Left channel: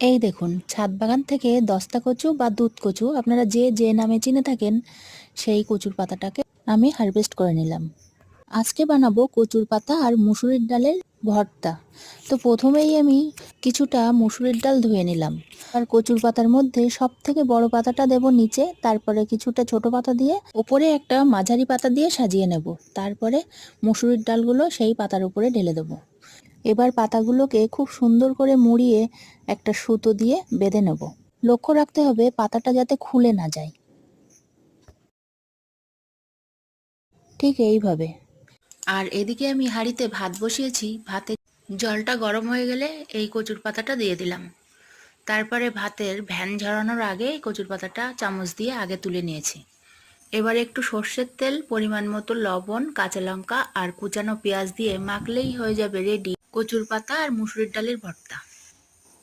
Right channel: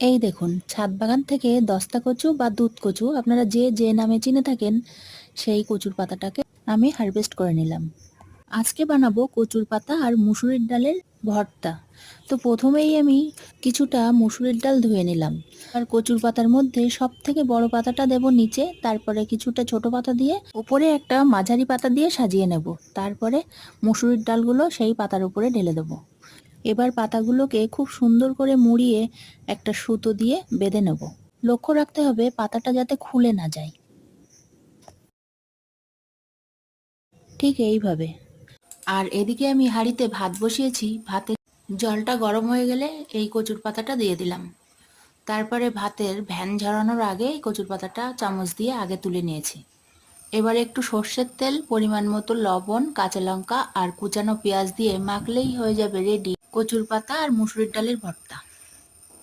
এই দেখুন, ছাদ বাগান থেকে দস্তা কচু বা দুধ কচু, আপনারা যে যে নামে চিনে থাকেন, সেই কচুর পাতাটাকে আমি হারভেস্ট করে নিলাম। আজকে বানাবো কচুর পাতা আর মুসুরির ডালের ভর্তা। তো প্রথমেই আমি কিছুটা মুসুরির ডাল ধুয়ে নিলাম। আর কচুর পাতার মধ্যে সব থেকে বড় পাতাটা দেব নিচে, তারপরে কিছুটা ছোট পাতা দিয়ে ওপরে একটা মাঝারি পাতা দিয়ে সাজিয়ে নেব। তারপরে মুসুরির ডালগুলো সেই পাতার উপরে ঢেলে দেবো। এবার পাতাগুলোকে খুব সুন্দর করে মুড়িয়ে একটা সুতো দিয়ে বেঁধে নেব। লক্ষ্য রাখতে হবে পাতাটা যাতে খুলে না যায়। ঠিক এইভাবে। আর এদিকে আমি হাঁড়িতে ভাত বসিয়েছি। ভাতে জলটা গরম হয়ে গেলে এই কচুর পাতাটা দিয়ে দিলাম। তারপরে ভাতের ভ্যান ঝরানোর আগে কচুর পাতাটা চামচ দিয়ে আগে তুলে নিয়েছি। এবারে একটু সর্ষের তেল, পরিমাণ মতো লবণ, কাঁচা লঙ্কা আর কুচানো পেঁয়াজ দিয়ে মাখলেই হয়ে যাবে রেডি কচুর পাতা আর মুসুরির ডালের ভর্তা।